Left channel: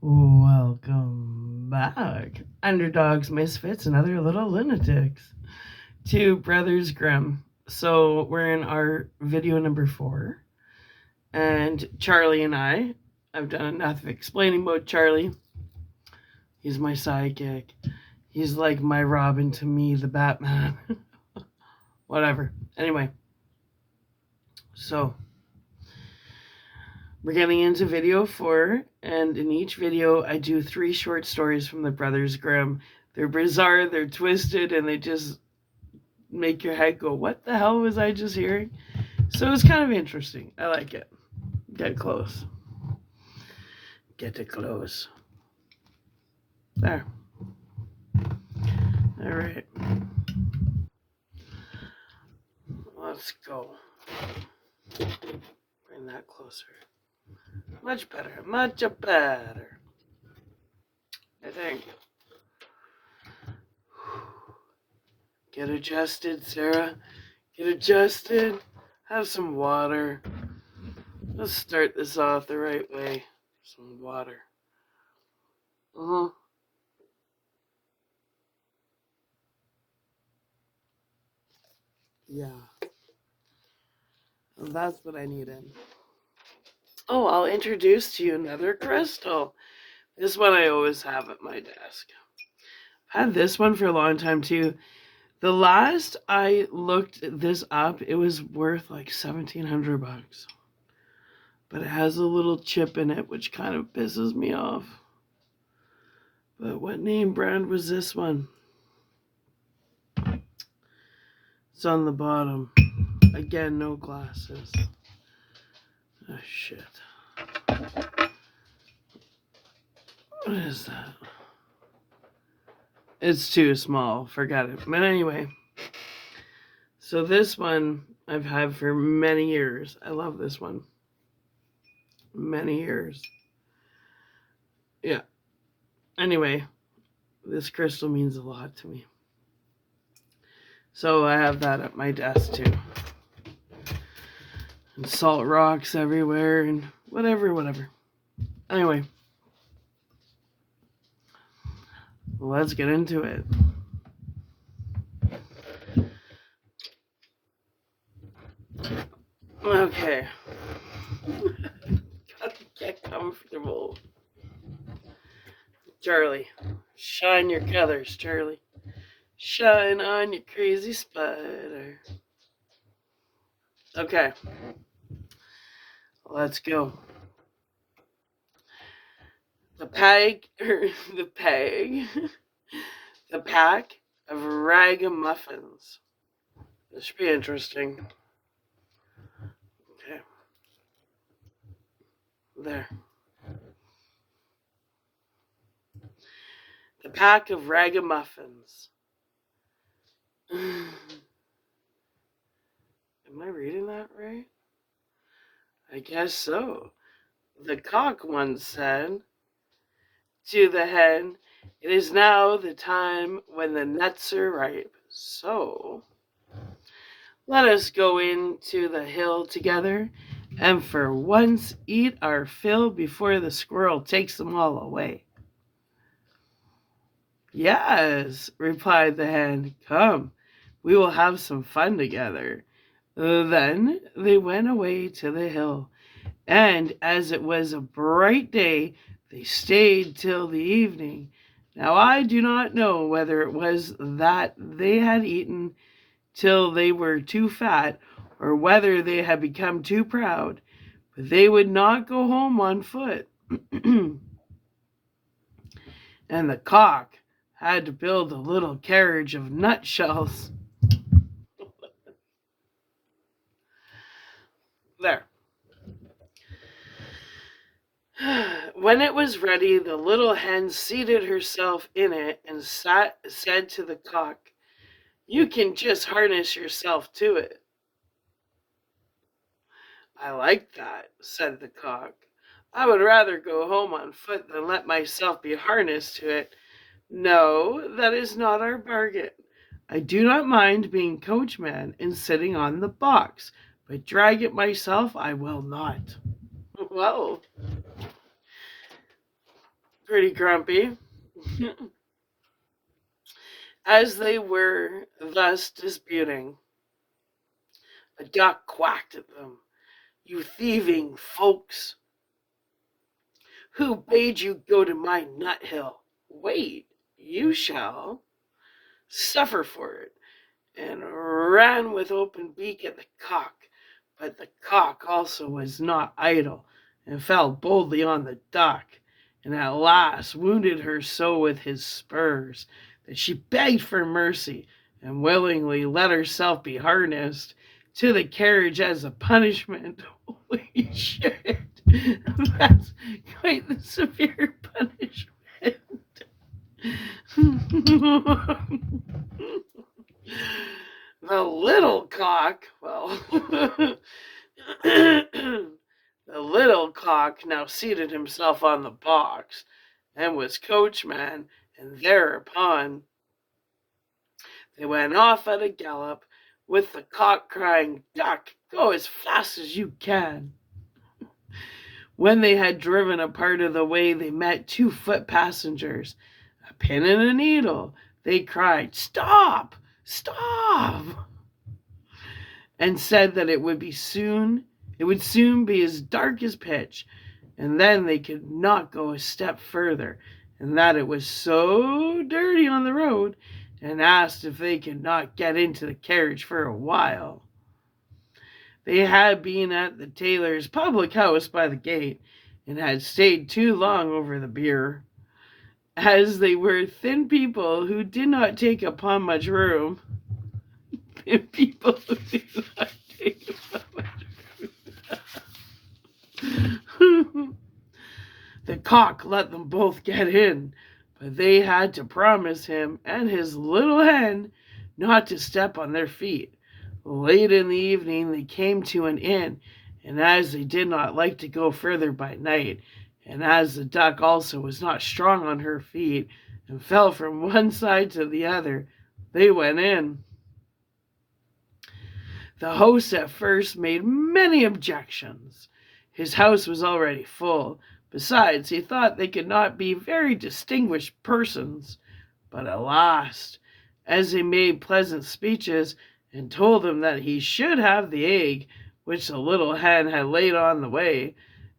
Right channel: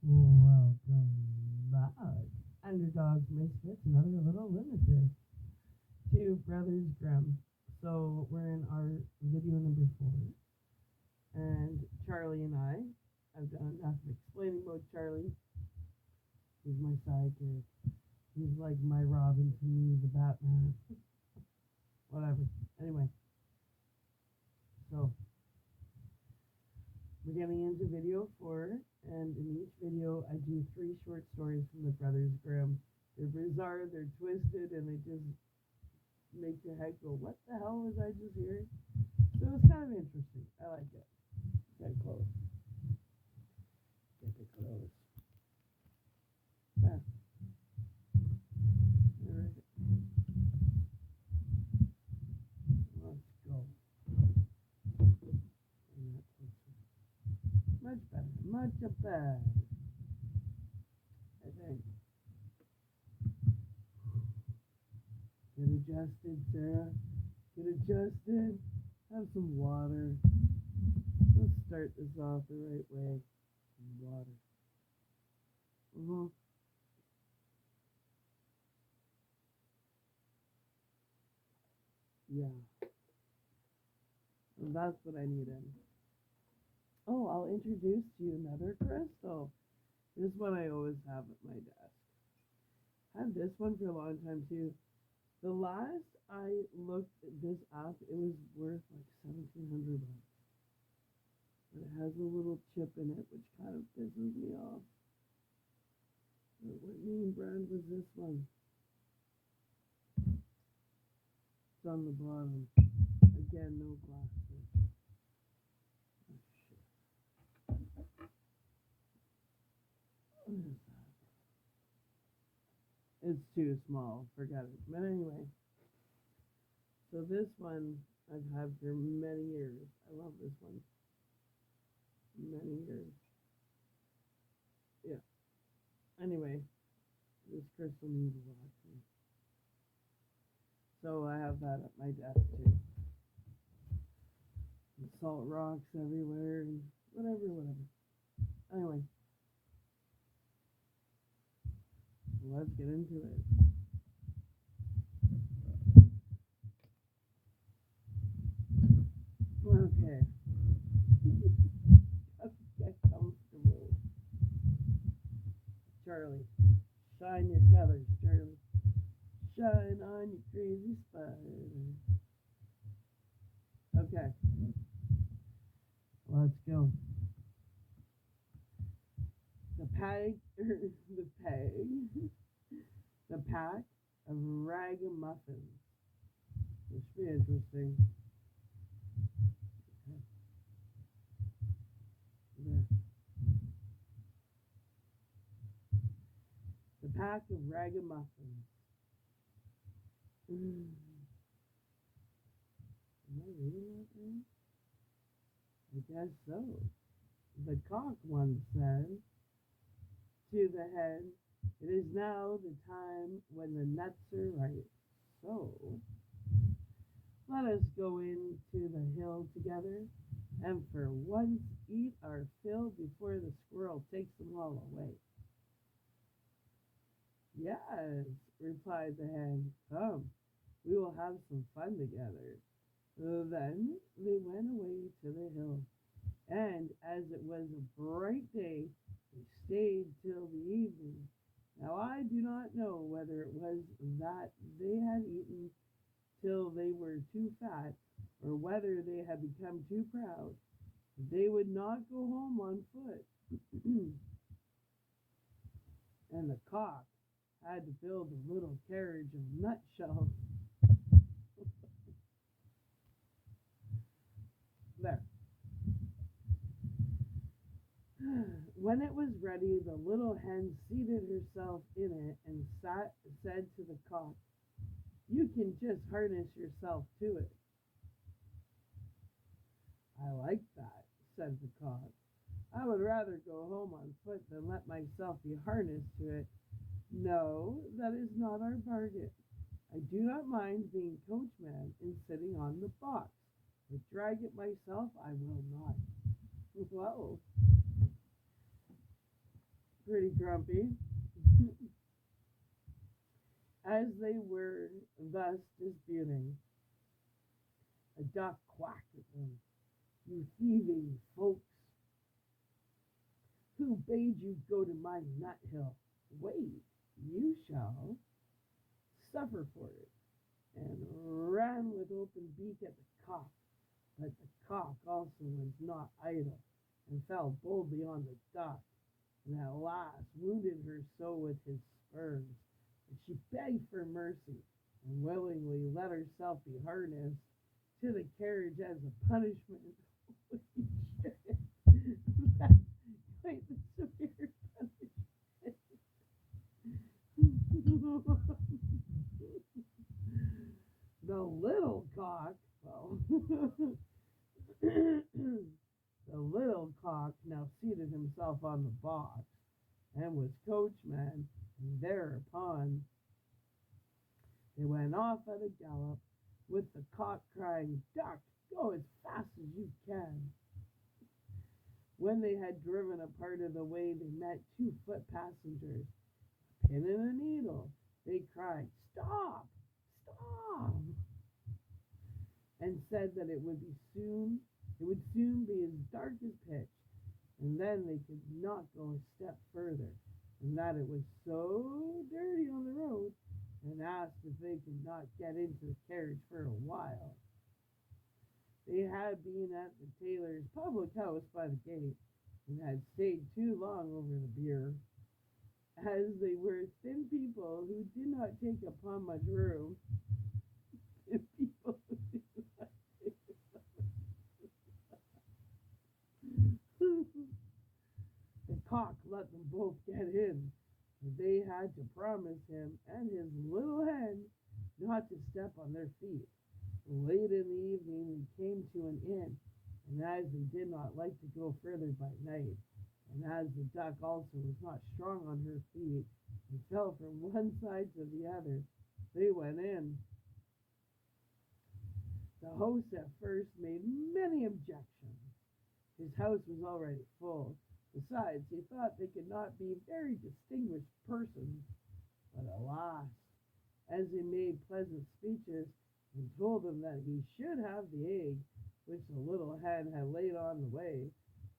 Welcome back, underdogs, misfits, and other little lunatics, to Brothers Grimm. So we're in our video number 4, and Charlie and I've done enough of explaining about Charlie. He's my sidekick. He's like my Robin to me, the Batman. Whatever. Anyway, so we're getting into video 4, and in each video, I do 3 short stories from the Brothers Grimm. They're bizarre, they're twisted, and they just make your head go, what the hell was I just hearing? So it's kind of interesting. I like it. Get close. Get it close. There. All right. Let's go. Bring that closer. Much better. Much better. I think. Get adjusted, Sarah. Get adjusted. Have some water. Let's start this off the right way. Some water. Yeah. Well, that's what I needed. Oh, I'll introduce to you another crystal. This one I always have at my desk. I've had this one for a long time too. The last I looked this up, it was worth like $1,700. But it has a little chip in it, which kind of pisses me off. But what name brand was this one? It's on the bottom. Again, no glasses. Oh, shit. What is that? It's too small. Forget it. But anyway. So this one I've had for many years. I love this one. Many years. Yeah. Anyway, this crystal means a lot to me. So I have that at my desk too. And salt rocks everywhere and whatever. Anyway, let's get into it. Okay. Gotta get comfortable. Charlie, shine your colors, Charlie. Shine on your crazy spider. Okay. Let's go. The pack of ragamuffins. This should be interesting. Okay. There. The pack of ragamuffins. Am I reading that right? I guess so. The cock once said to the hen, "It is now the time when the nuts are ripe. So let us go into the hill together and for once eat our fill before the squirrel takes them all away." "Yes," replied the hen, "come, we will have some fun together." Then they went away to the hill, and as it was a bright day, they stayed till the evening. Now I do not know whether it was that they had eaten till they were too fat, or whether they had become too proud, but they would not go home on foot. And the cock had to build a little carriage of nutshells. There. When it was ready, the little hen seated herself in it and said to the cock, "You can just harness yourself to it." "I like that," said the cock. "I would rather go home on foot than let myself be harnessed to it. No, that is not our bargain. I do not mind being coachman and sitting on the box, but drag it myself I will not." Well, pretty grumpy. As they were thus disputing, a duck quacked at them. "You thieving folks! Who bade you go to my nut hill? Wait, you shall suffer for it," and ran with open beak at the cock. But the cock also was not idle, and fell boldly on the duck, and at last wounded her so with his spurs that she begged for mercy, and willingly let herself be harnessed to the carriage as a punishment. Holy shit! That's quite the severe punishment. The little cock, well, the little cock now seated himself on the box, and was coachman, and thereupon they went off at a gallop, with the cock crying, "Duck, go as fast as you can." When they had driven a part of the way, they met 2 foot passengers, a pin and a needle. They cried, "Stop! Stop!" and said that it would soon be as dark as pitch, and then they could not go a step further, and that it was so dirty on the road, and asked if they could not get into the carriage for a while. They had been at the tailor's public house by the gate, and had stayed too long over the beer. As they were thin people who did not take upon much room, thin people who did not take upon much room, the cock let them both get in, but they had to promise him and his little hen not to step on their feet. Late in the evening they came to an inn, and as they did not like to go further by night, and as the duck also was not strong on her feet, and fell from one side to the other, they went in. The host at first made many objections. His house was already full. Besides, he thought they could not be very distinguished persons. But at last, as they made pleasant speeches, and told him that he should have the egg which the little hen had laid on the way,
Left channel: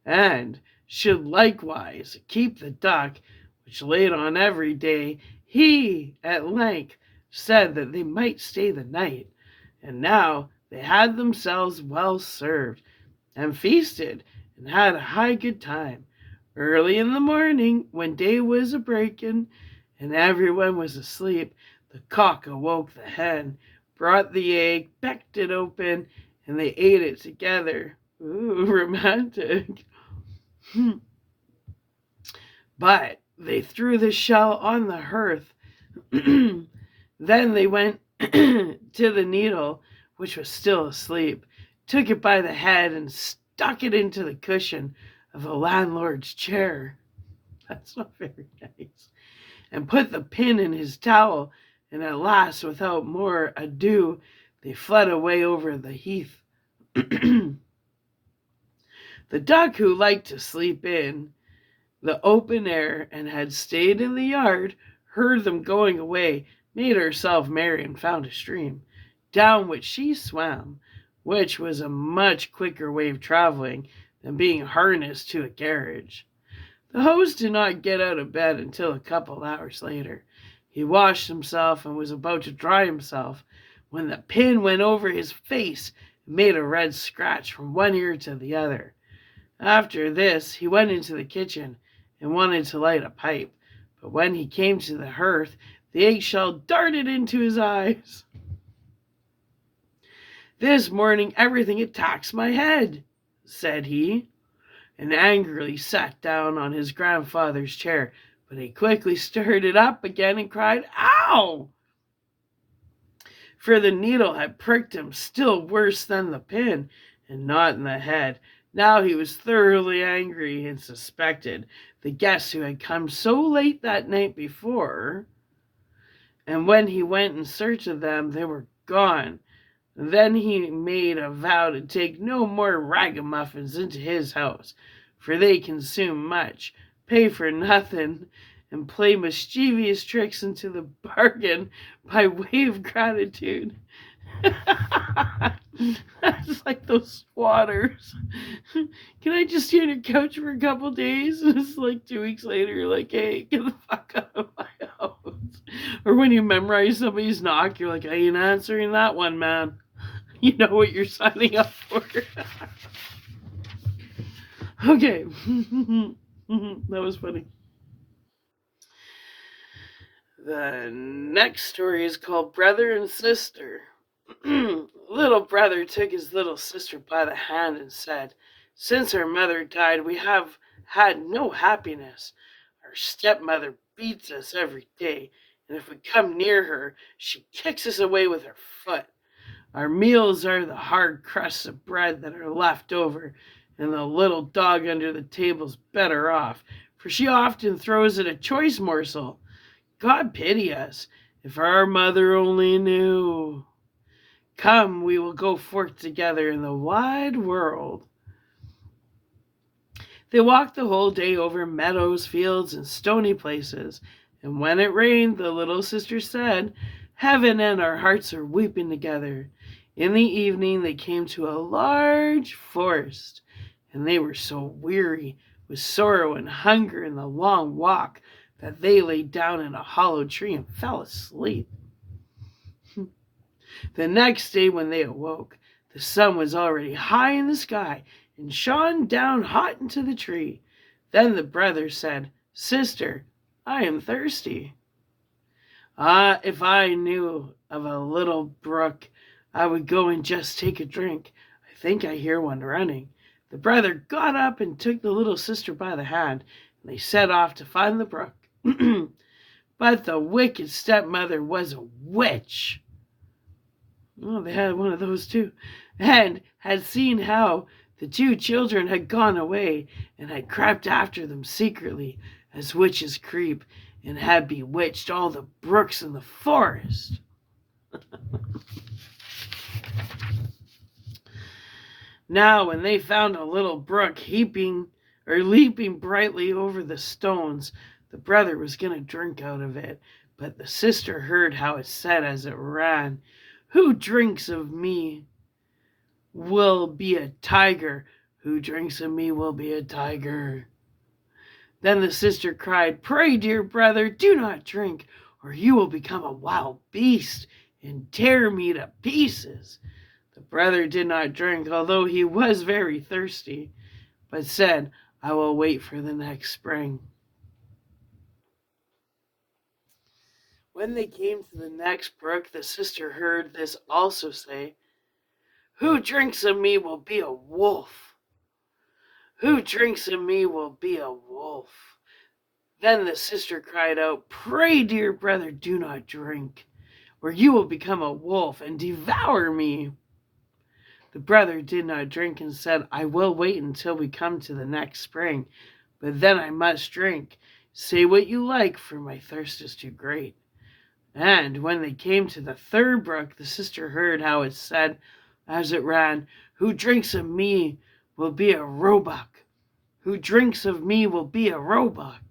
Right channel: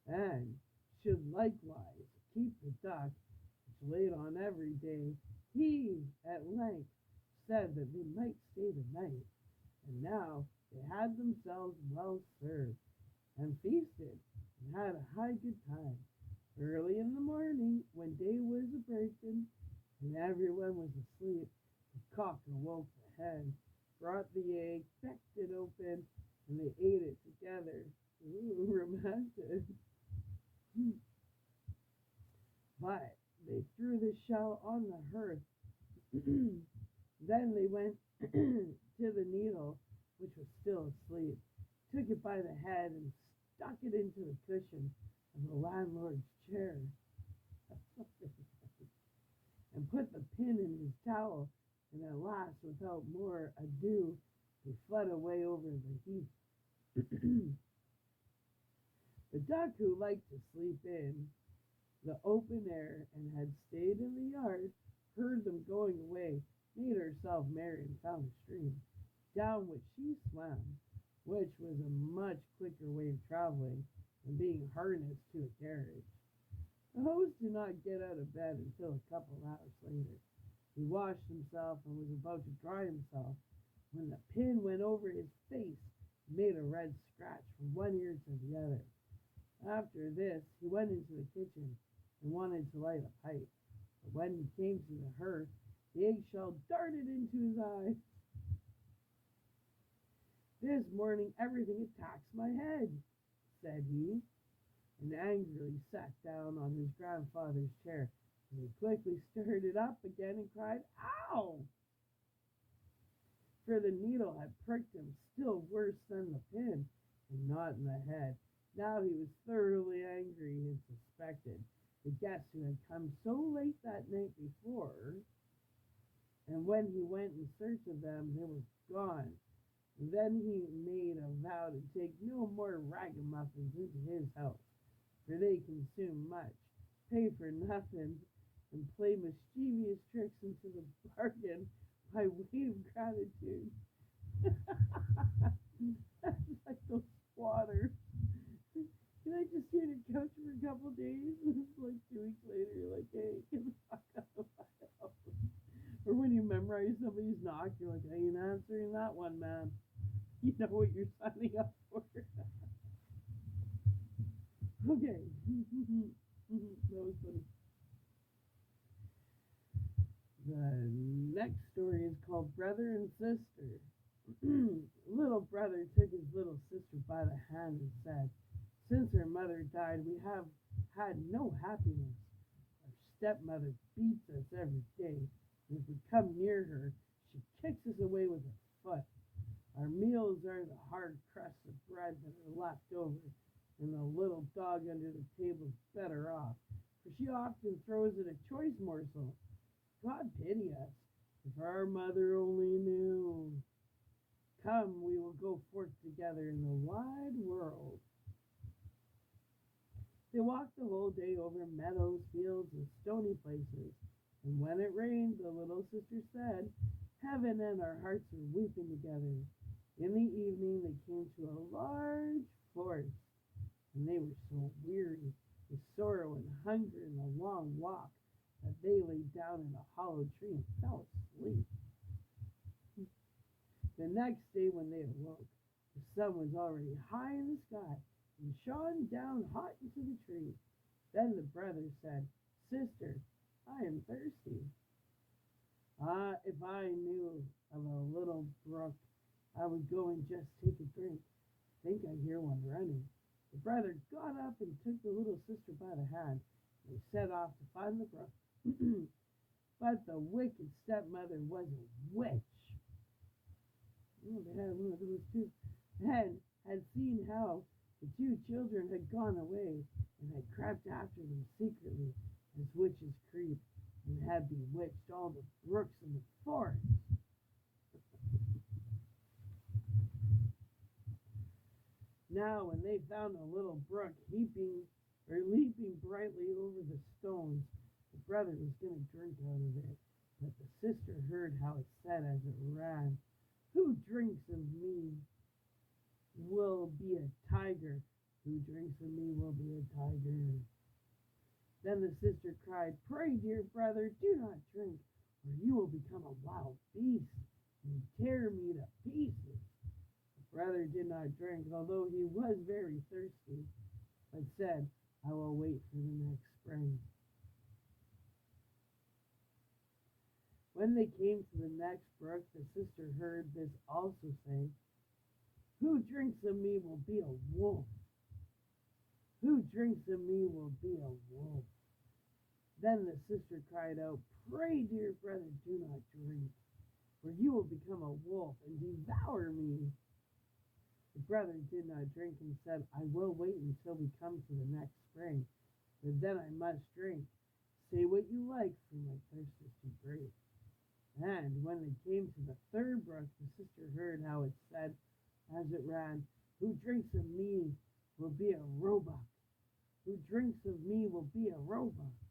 and should likewise keep the duck which laid on every day, he at length said that they might stay the night. And now they had themselves well served, and feasted, and had a high good time. Early in the morning, when day was a breaking, and everyone was asleep, the cock awoke the hen, brought the egg, pecked it open, and they ate it together. Ooh, romantic. But they threw the shell on the hearth. Then they went to the needle, which was still asleep, took it by the head, and stuck it into the cushion of the landlord's chair. That's not very nice. And put the pin in his towel, and at last, without more ado, they fled away over the heath. The duck, who liked to sleep in the open air and had stayed in the yard, heard them going away, made herself merry, and found a stream, down which she swam, which was a much quicker way of traveling than being harnessed to a carriage. The host did not get out of bed until a couple hours later. He washed himself and was about to dry himself when the pin went over his face and made a red scratch from one ear to the other. After this he went into the kitchen and wanted to light a pipe, but when he came to the hearth, the eggshell darted into his eyes. "This morning everything attacks my head," said he, and angrily sat down on his grandfather's chair, but he quickly stirred it up again and cried, "Ow!" For the needle had pricked him still worse than the pin, and not in the head. Now he was thoroughly angry, and suspected the guests who had come so late that night before, and when he went in search of them, they were gone. Then he made a vow to take no more ragamuffins into his house, for they consume much, pay for nothing, and play mischievous tricks into the bargain by way of gratitude. That's like those squatters. Can I just stay on your couch for a couple days? And it's like 2 weeks later, you're like, hey, get the fuck out of my house. Or when you memorize somebody's knock, you're like, I ain't answering that one, man. You know what you're signing up for. Okay. That was funny. The next story is called Brother and Sister. Little brother took his little sister by the hand and said, since our mother died, we have had no happiness. Our stepmother beats us every day, and if we come near her, she kicks us away with her foot. Our meals are the hard crusts of bread that are left over, and the little dog under the table's better off, for she often throws it a choice morsel. God pity us, if our mother only knew. Come, we will go forth together in the wide world. They walked the whole day over meadows, fields, and stony places, and when it rained, the little sister said, Heaven and our hearts are weeping together. In the evening they came to a large forest, and they were so weary with sorrow and hunger in the long walk that they lay down in a hollow tree and fell asleep. The next day when they awoke, the sun was already high in the sky and shone down hot into the tree. Then the brother said, Sister, I am thirsty. If I knew of a little brook, I would go and just take a drink. I think I hear one running. The brother got up and took the little sister by the hand, and they set off to find the brook. But the wicked stepmother was a witch. Oh, they had one of those too. And had seen how the two children had gone away, and had crept after them secretly, as witches creep, and had bewitched all the brooks in the forest. Now, when they found a little brook leaping brightly over the stones, the brother was going to drink out of it, but the sister heard how it said as it ran, Who drinks of me will be a tiger. Who drinks of me will be a tiger. Then the sister cried, Pray, dear brother, do not drink, or you will become a wild beast and tear me to pieces. The brother did not drink, although he was very thirsty, but said, I will wait for the next spring. When they came to the next brook, the sister heard this also say, Who drinks of me will be a wolf. Who drinks of me will be a wolf. Then the sister cried out, Pray, dear brother, do not drink, or you will become a wolf and devour me. The brother did not drink and said, I will wait until we come to the next spring, but then I must drink. Say what you like, for my thirst is too great. And when they came to the third brook, the sister heard how it said as it ran, Who drinks of me will be a roebuck. Who drinks of me will be a roebuck.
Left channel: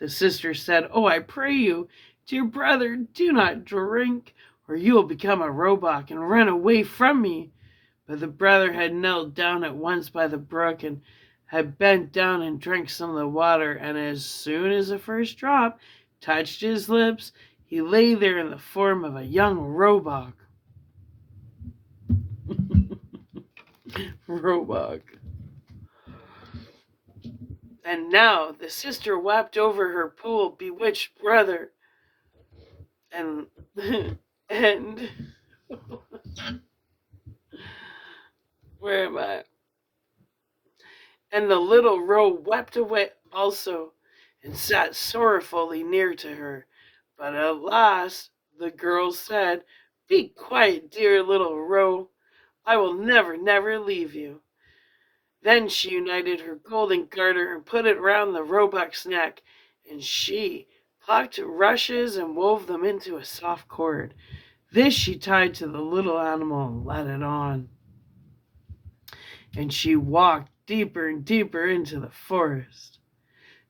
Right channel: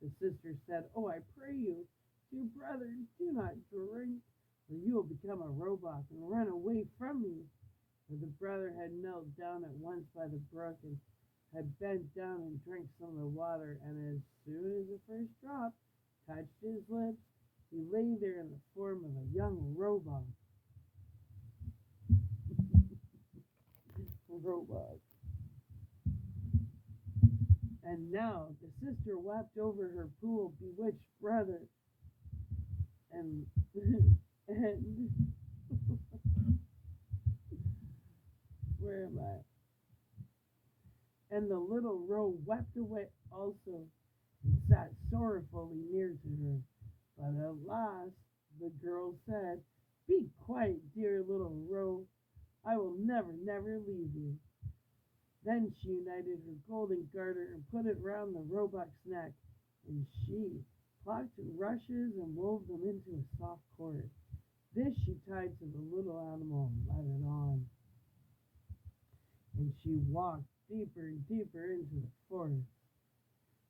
The sister said, Oh, I pray you, dear brother, do not drink, or you will become a roebuck and run away from me. But the brother had knelt down at once by the brook and had bent down and drank some of the water, and as soon as the first drop touched his lips, he lay there in the form of a young roebuck. Roebuck. And now the sister wept over her poor bewitched brother. And where am I? And the little roe wept away also, and sat sorrowfully near to her. But at last the girl said, Be quiet, dear little roe. I will never, never leave you. Then she united her golden garter and put it round the roebuck's neck, and she plucked rushes and wove them into a soft cord. This she tied to the little animal and led it on. And she walked deeper and deeper into the forest.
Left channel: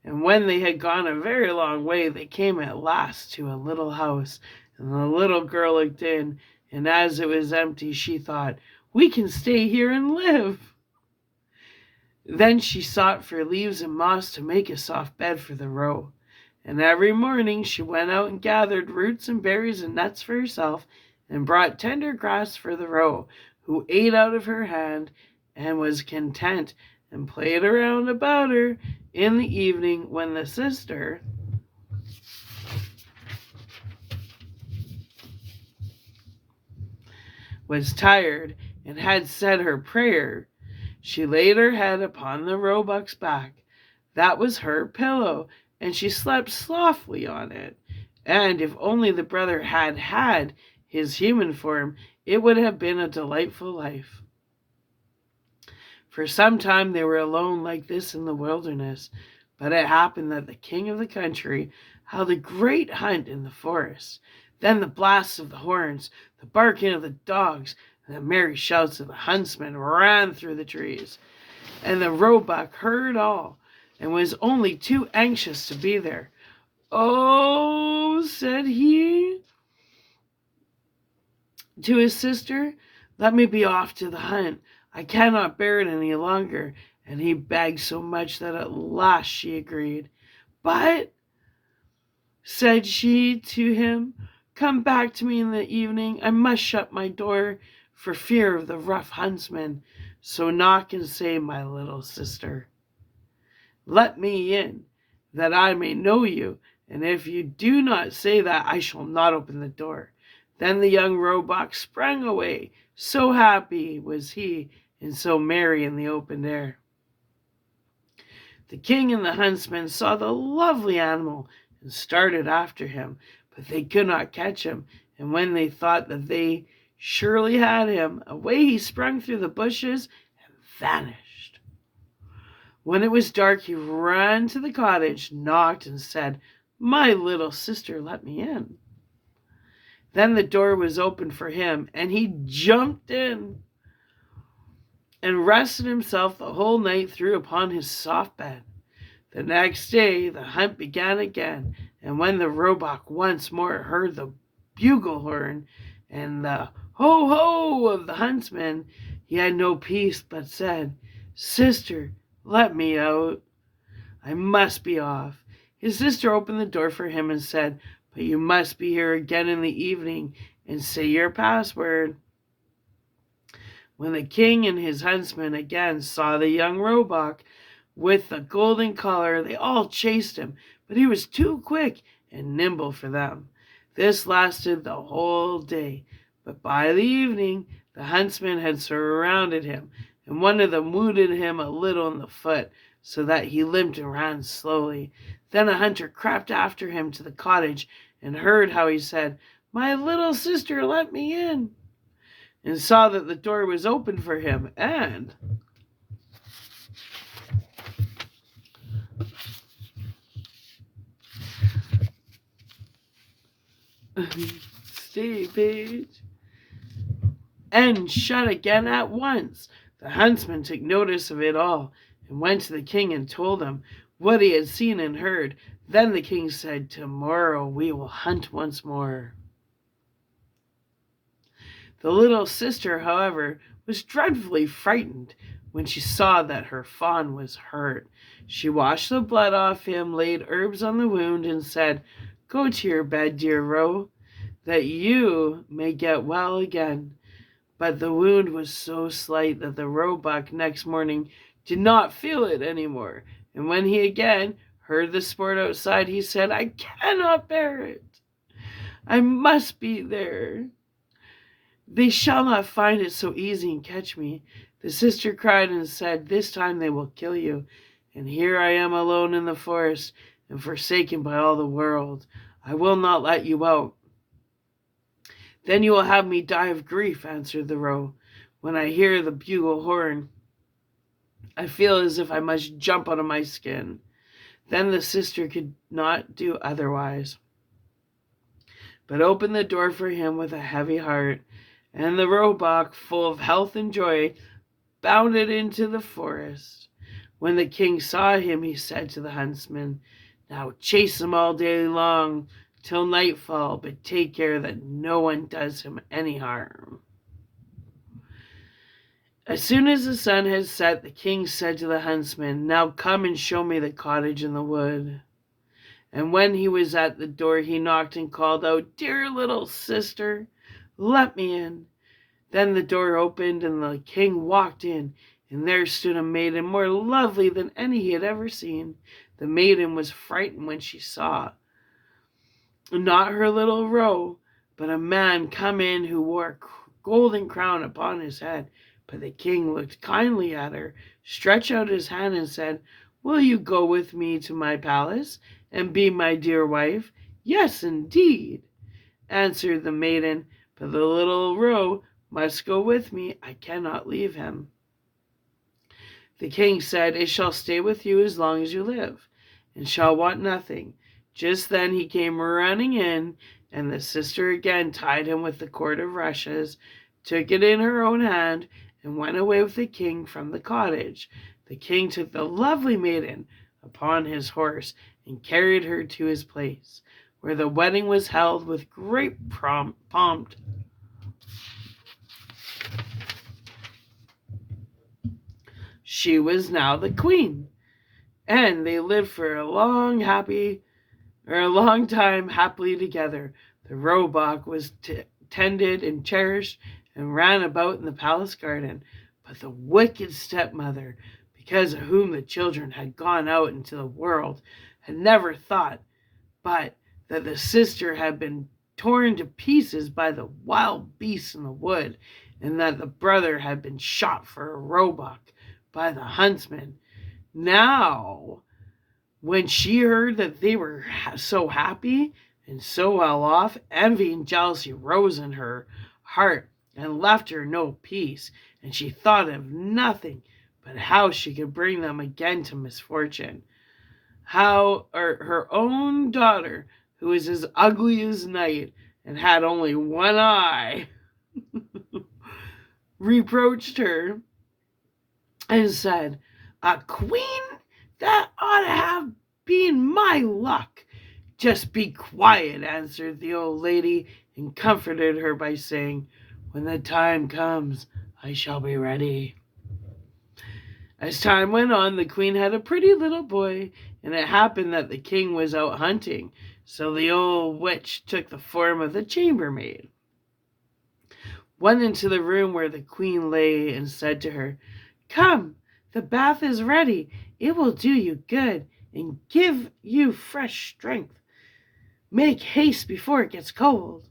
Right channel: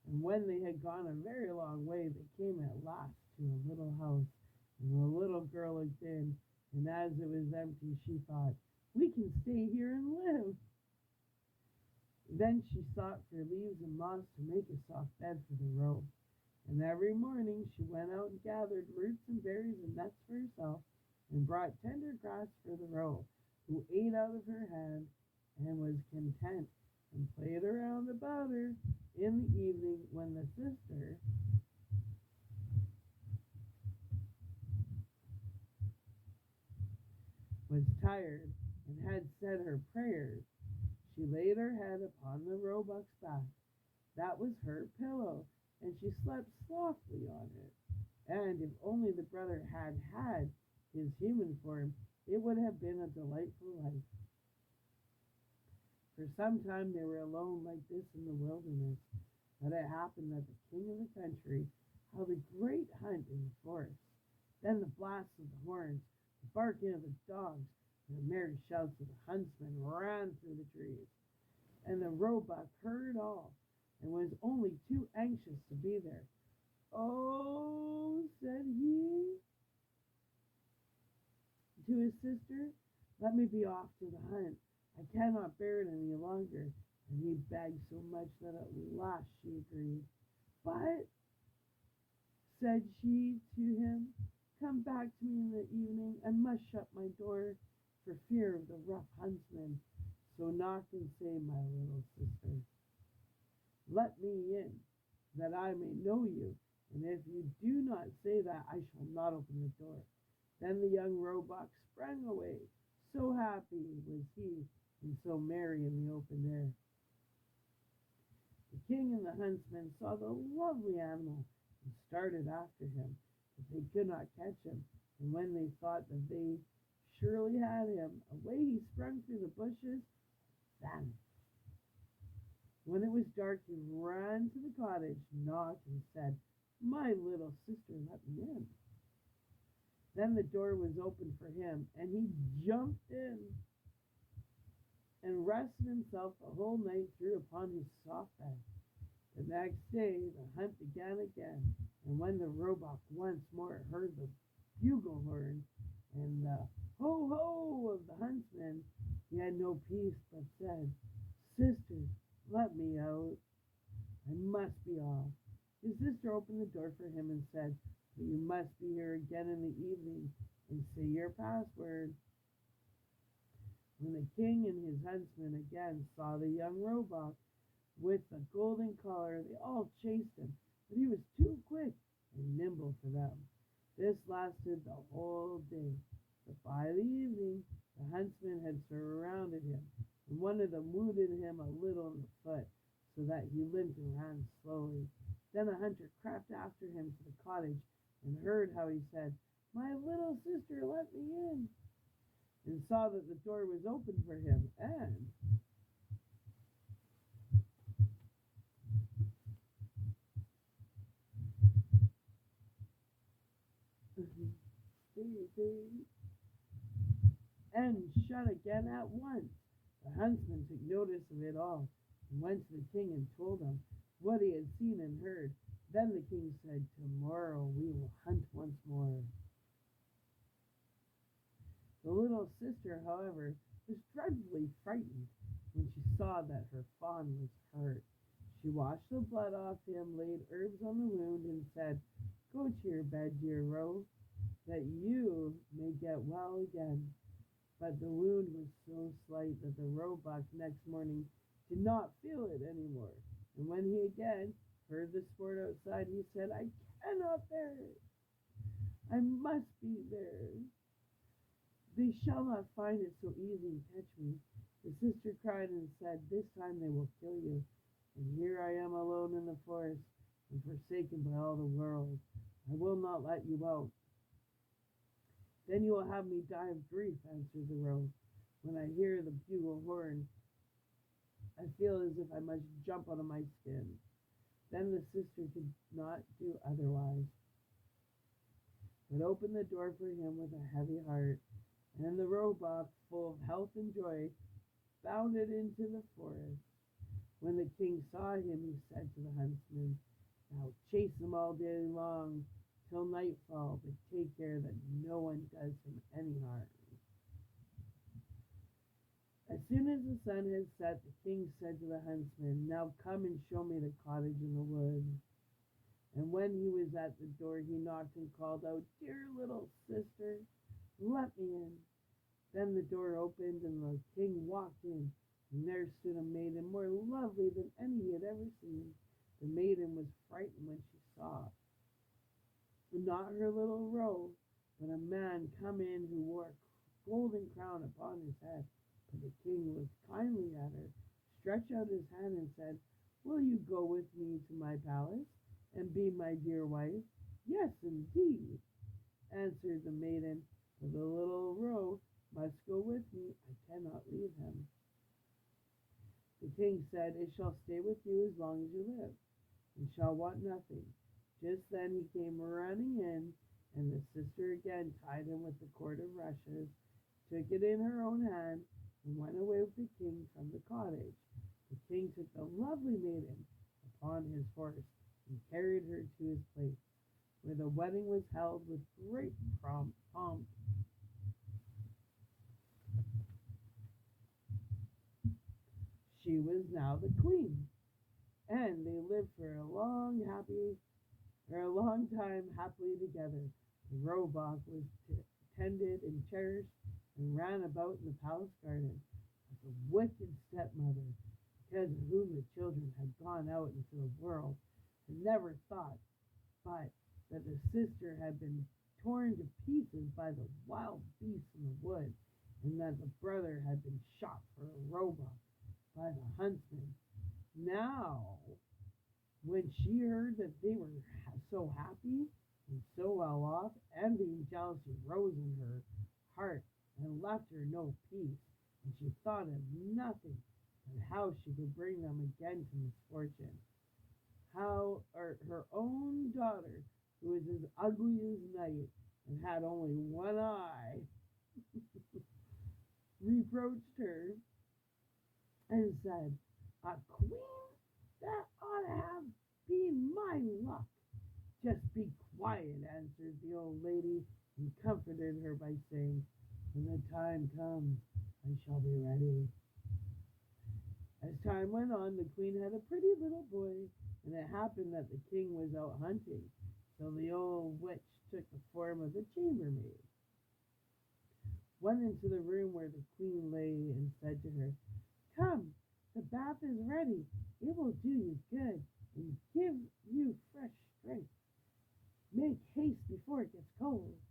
And when they had gone a very long way, they came at last to a little house, and the little girl looked in, and as it was empty, she thought, "We can stay here and live." Then she sought for leaves and moss to make a soft bed for the roe. And every morning she went out and gathered roots and berries and nuts for herself, and brought tender grass for the roe, who ate out of her hand and was content, and played around about her in the evening when the sister was tired and had said her prayer. She laid her head upon the roebuck's back. That was her pillow, and she slept softly on it. And if only the brother had had his human form, it would have been a delightful life. For some time they were alone like this in the wilderness, but it happened that the king of the country held a great hunt in the forest. Then the blasts of the horns, the barking of the dogs, and the merry shouts of the huntsmen ran through the trees. And the roebuck heard all, and was only too anxious to be there. "Oh," said he to his sister, "let me be off to the hunt. I cannot bear it any longer." And he begged so much that at last she agreed. "But," said she to him, "come back to me in the evening. I must shut my door for fear of the rough huntsman. So knock and say, 'My little sister, let me in, that I may know you.' And if you do not say that, I shall not open the door." Then the young roebuck sprang away. So happy was he, and so merry in the open air. The king and the huntsmen saw the lovely animal and started after him, but they could not catch him. And when they thought that they surely had him, away he sprung through the bushes and vanished. When it was dark, he ran to the cottage, knocked, and said, "My little sister, let me in." Then the door was opened for him, and he jumped in and rested himself the whole night through upon his soft bed. The next day the hunt began again, and when the roebuck once more heard the bugle horn and the ho ho of the huntsmen, he had no peace, but said, "Sister, let me out. I must be off." His sister opened the door for him and said, "But you must be here again in the evening and say your password." When the king and his huntsmen again saw the young roebuck with the golden collar, they all chased him, but he was too quick and nimble for them. This lasted the whole day, but by the evening the huntsmen had surrounded him, and one of them wounded him a little in the foot, so that he limped and ran slowly. Then a hunter crept after him to the cottage and heard how he said, "My little sister, let me in," and saw that the door was open for him, and stay page, and shut again at once. The huntsman took notice of it all, and went to the king and told him what he had seen and heard. Then the king said, "Tomorrow we will hunt once more." The little sister, however, was dreadfully frightened when she saw that her fawn was hurt. She washed the blood off him, laid herbs on the wound, and said, "Go to your bed, dear roe, that you may get well again." But the wound was so slight that the roebuck next morning did not feel it any more, and when he again heard the sport outside, he said, "I cannot bear it. I must be there. They shall not find it so easy and catch me." The sister cried and said, "This time they will kill you, and here I am alone in the forest and forsaken by all the world. I will not let you out." "Then you will have me die of grief," answered the roe. "When I hear the bugle horn, I feel as if I must jump out of my skin." Then the sister could not do otherwise, but opened the door for him with a heavy heart, and the roebuck, full of health and joy, bounded into the forest. When the king saw him, he said to the huntsman, "Now chase him all day long till nightfall, but take care that no one does him any harm." As soon as the sun had set, the king said to the huntsman, "Now come and show me the cottage in the wood." And when he was at the door, he knocked and called out, "Dear little sister, let me in." Then the door opened, and the king walked in, and there stood a maiden more lovely than any he had ever seen. The maiden was frightened when she saw, not her little roe, but a man come in who wore a golden crown upon his head. But the king looked kindly at her, stretched out his hand, and said, "Will you go with me to my palace and be my dear wife?" "Yes, indeed," answered the maiden, "but the little roe must go with me. I cannot leave him." The king said, "It shall stay with you as long as you live, and shall want nothing." Just then he came running in, and the sister again tied him with the cord of rushes, took it in her own hand, and went away with the king from the cottage. The king took the lovely maiden upon his horse and carried her to his place, where the wedding was held with great pomp. She was now the queen, and they lived for a long time happily together. The roebuck was tended and cherished and ran about in the palace garden. But the wicked stepmother, because of whom the children had gone out into the world, had never thought but that the sister had been torn to pieces by the wild beasts in the wood, and that the brother had been shot for a roebuck by the huntsman. Now, when she heard that they were so happy and so well off, envy and jealousy rose in her heart and left her no peace, and she thought of nothing but how she could bring them again to misfortune. How her own daughter, who was as ugly as night and had only one eye, reproached her and said, "A queen? That ought to have been my luck." "Just be quiet," answered the old lady, and comforted her by saying, "When the time comes, I shall be ready." As time went on, the queen had a pretty little boy, and it happened that the king was out hunting, so the old witch took the form of the chambermaid, went into the room where the queen lay, and said to her, "Come, the bath is ready. It will do you good and give you fresh strength. Make haste before it gets cold."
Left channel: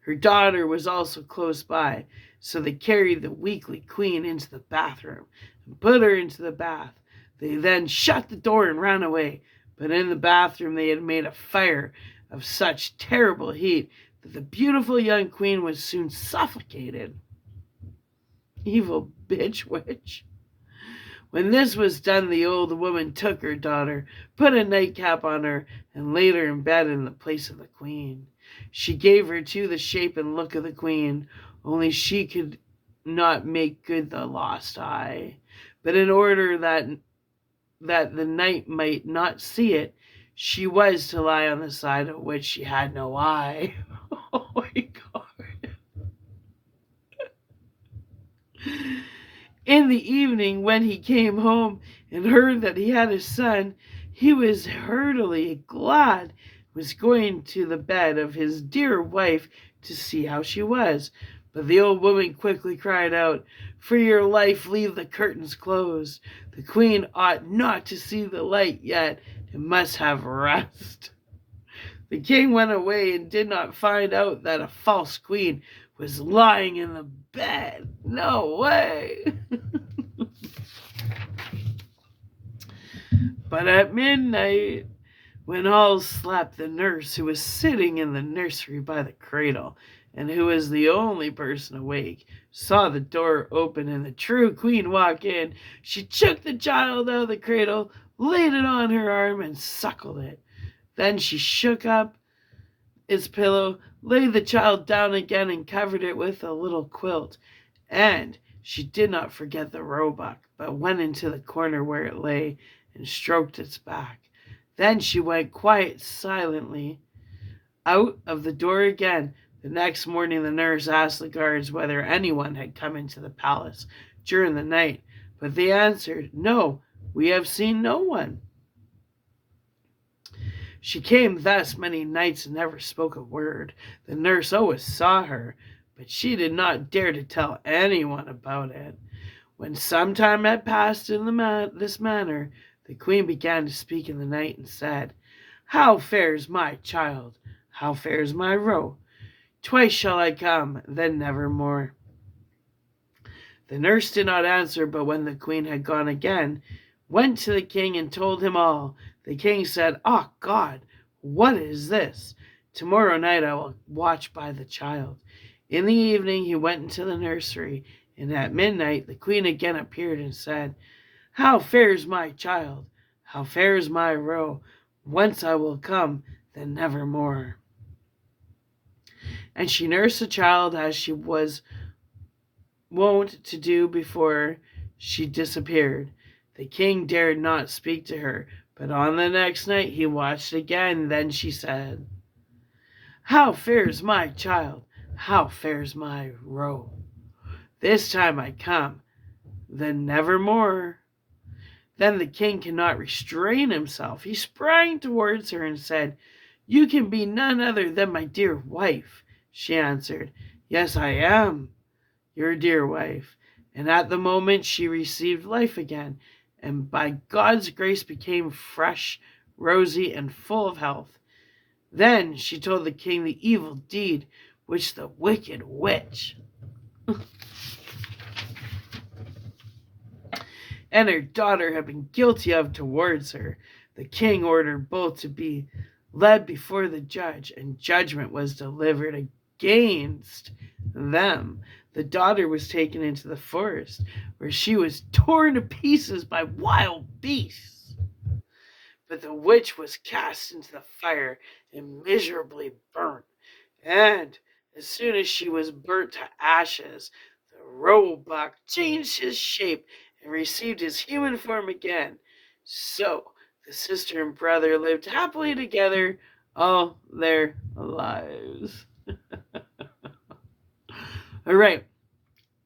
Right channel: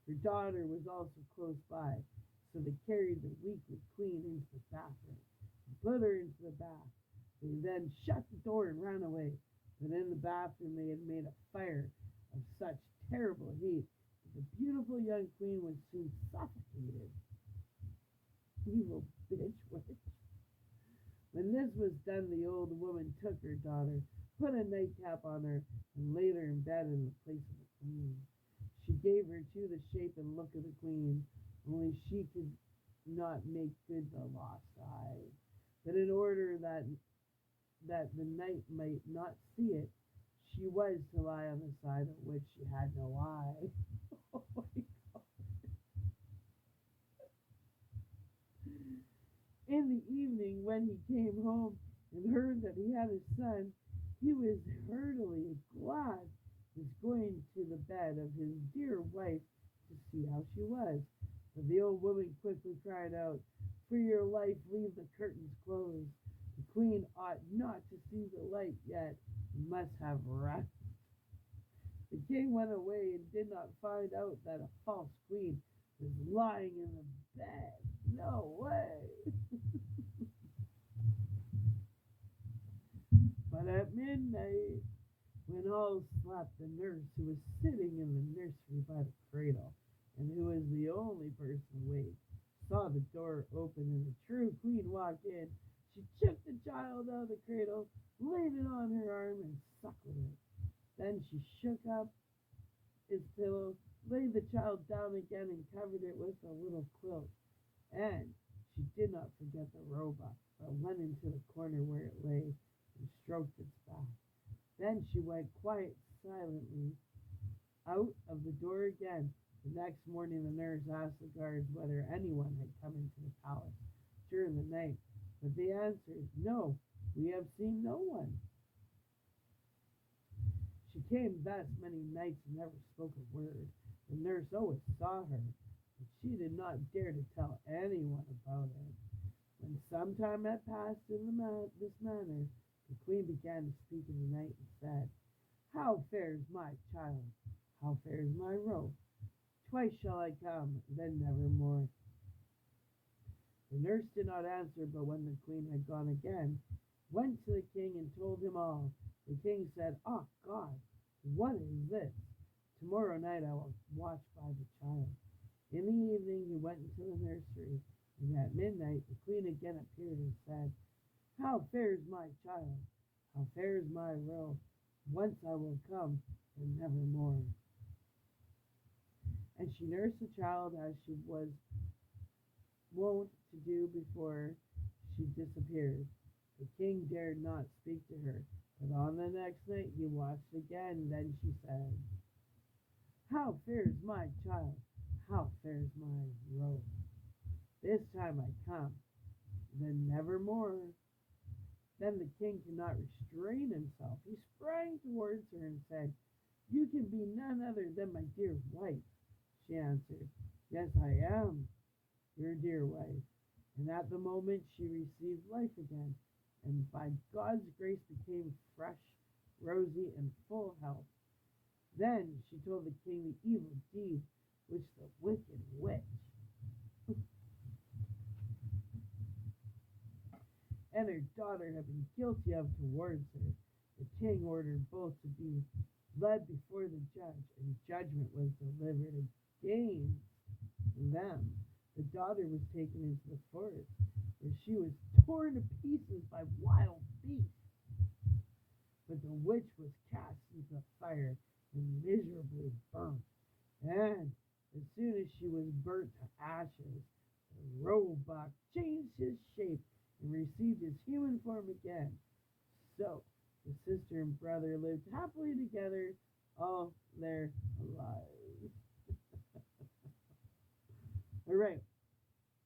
Her daughter was also close by, so they carried the weakly queen into the bathroom and put her into the bath. They then shut the door and ran away, but in the bathroom they had made a fire of such terrible heat that the beautiful young queen was soon suffocated. Evil bitch witch. When this was done, the old woman took her daughter, put a nightcap on her, and laid her in bed in the place of the queen. She gave her too the shape and look of the queen, only she could not make good the lost eye. But in order that the knight might not see it, she was to lie on the side of which she had no eye. Oh my God. In the evening, when he came home and heard that he had a son, he was heartily glad, was going to the bed of his dear wife to see how she was. But the old woman quickly cried out, "For your life, leave the curtains closed. The queen ought not to see the light yet, and must have rest." The king went away and did not find out that a false queen was lying in the bed. No way. But at midnight, when all slept, the nurse, who was sitting in the nursery by the cradle, and who was the only person awake, saw the door open and the true queen walk in. She took the child out of the cradle, laid it on her arm, and suckled it. Then she shook up its pillow, laid the child down again, and covered it with a little quilt. And she did not forget the roebuck, but went into the corner where it lay and stroked its back. Then she went quite silently out of the door again. The next morning the nurse asked the guards whether anyone had come into the palace during the night, but they answered, "No, we have seen no one." She came thus many nights and never spoke a word. The nurse always saw her, but she did not dare to tell anyone about it. When some time had passed in this manner, the queen began to speak in the night and said, "How fares my child? How fares my roe? Twice shall I come, then never more." The nurse did not answer, but when the queen had gone again, went to the king and told him all. The king said, "Ah, God, what is this? Tomorrow night I will watch by the child." In the evening he went into the nursery, and at midnight the queen again appeared and said, "How fares my child? How fares my roe? Once I will come, then never more." And she nursed the child as she was wont to do before she disappeared. The king dared not speak to her, but on the next night he watched again. Then she said, "How fares my child? How fares my roe? This time I come, then never more." Then the king cannot restrain himself. He sprang towards her and said, "You can be none other than my dear wife." She answered, "Yes, I am your dear wife." And at the moment she received life again, and by God's grace became fresh, rosy, and full of health. Then she told the king the evil deed which the wicked witch and her daughter had been guilty of towards her. The king ordered both to be led before the judge, and judgment was delivered against them. The daughter was taken into the forest, where she was torn to pieces by wild beasts. But the witch was cast into the fire and miserably burnt. And as soon as she was burnt to ashes, the roebuck changed his shape and received his human form again. So the sister and brother lived happily together all their lives. All right,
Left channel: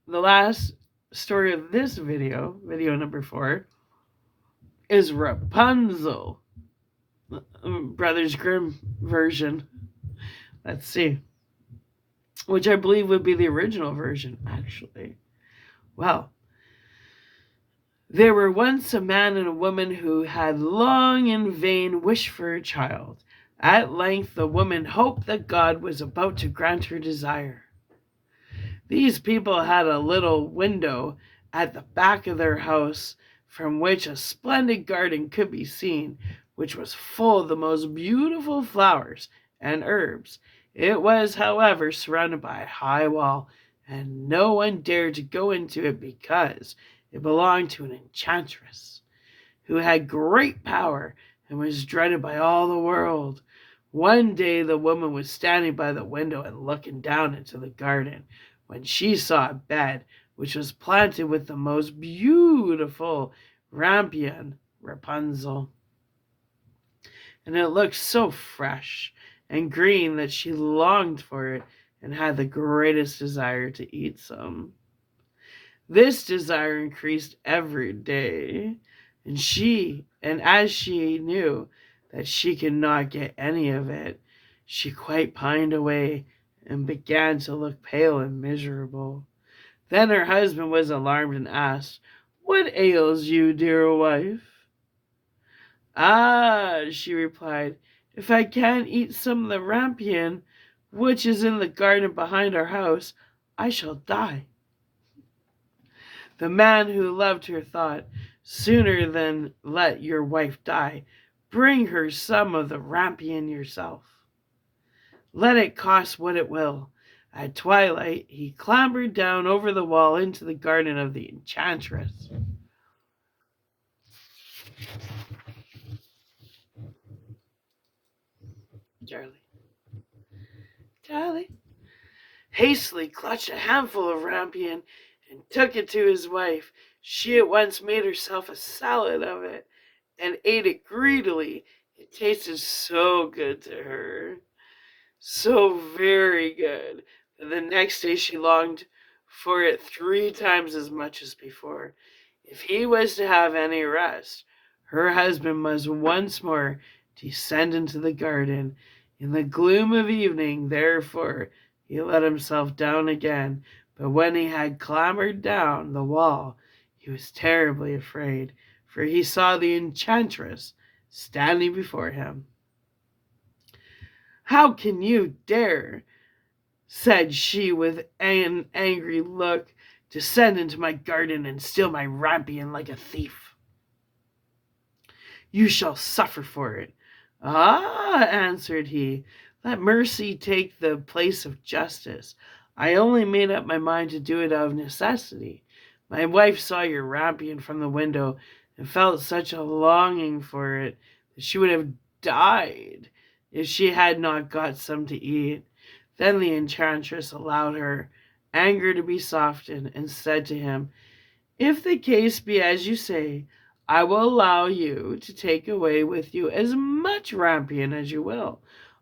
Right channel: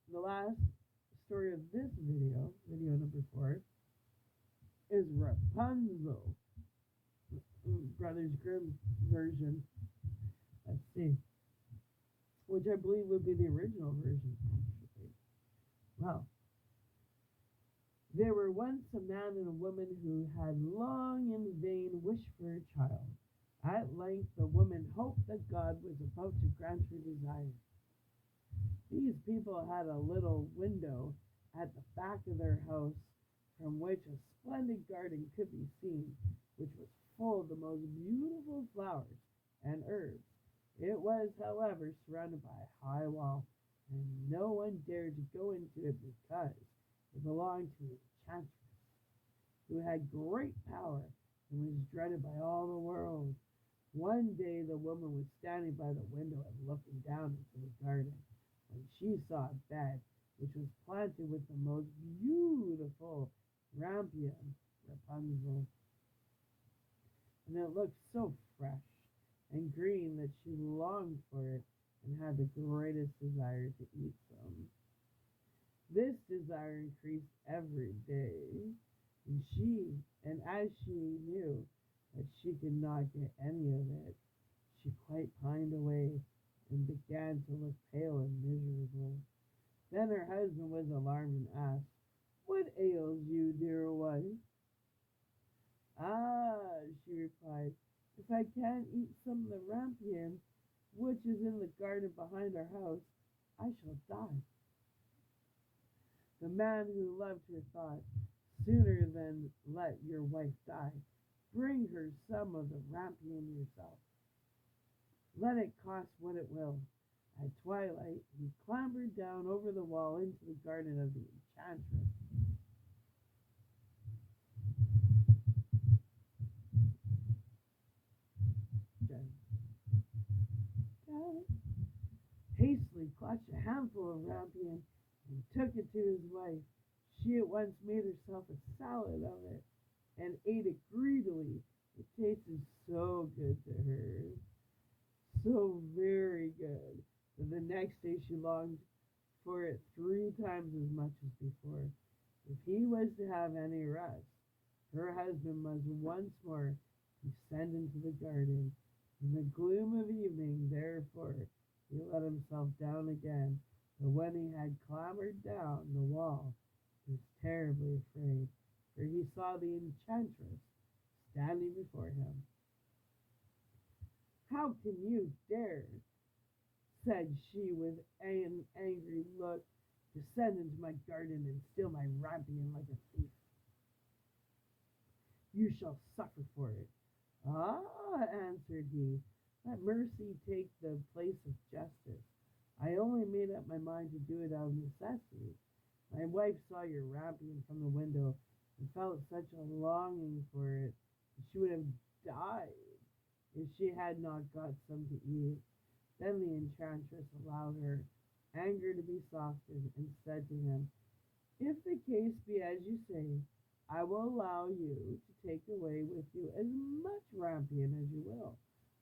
the last story of this video, video number 4, is Rapunzel, Brothers Grimm version. Let's see. Which I believe would be the original version, actually. Well, there were once a man and a woman who had long in vain wished for a child. At length the woman hoped that God was about to grant her desire. These people had a little window at the back of their house from which a splendid garden could be seen, which was full of the most beautiful flowers and herbs. It was, however, surrounded by a high wall, and no one dared to go into it because it belonged to an enchantress who had great power and was dreaded by all the world. One day the woman was standing by the window and looking down into the garden when she saw a bed which was planted with the most beautiful rampion, Rapunzel. And it looked so fresh and green that she longed for it and had the greatest desire to eat some. This desire increased every day, and as she knew that she could not get any of it, she quite pined away and began to look pale and miserable. Then her husband was alarmed and asked, "What ails you, dear wife?" "Ah," she replied, "if I can't eat some of the rampion which is in the garden behind our house, I shall die." The man who loved her thought, "Sooner than let your wife die, bring her some of the rampion yourself. Let it cost what it will." At twilight he clambered down over the wall into the garden of the enchantress. Charlie hastily clutched a handful of rampion and took it to his wife. She at once made herself a salad of it and ate it greedily. It tasted so good to her, so very good, that the next day she longed for it 3 times as much as before. If he was to have any rest, her husband must once more descend into the garden. In the gloom of evening, therefore, he let himself down again, but when he had clambered down the wall, he was terribly afraid, for he saw the enchantress standing before him. "How can you dare," said she with an angry look, "descend into my garden and steal my rampion like a thief? You shall suffer for it." "Ah," answered he, "let mercy take the place of justice. I only made up my mind to do it out of necessity. My wife saw your rampion from the window and felt such a longing for it that she would have died if she had not got some to eat." Then the enchantress allowed her anger to be softened and said to him, "If the case be as you say, I will allow you to take away with you as much rampion as you will.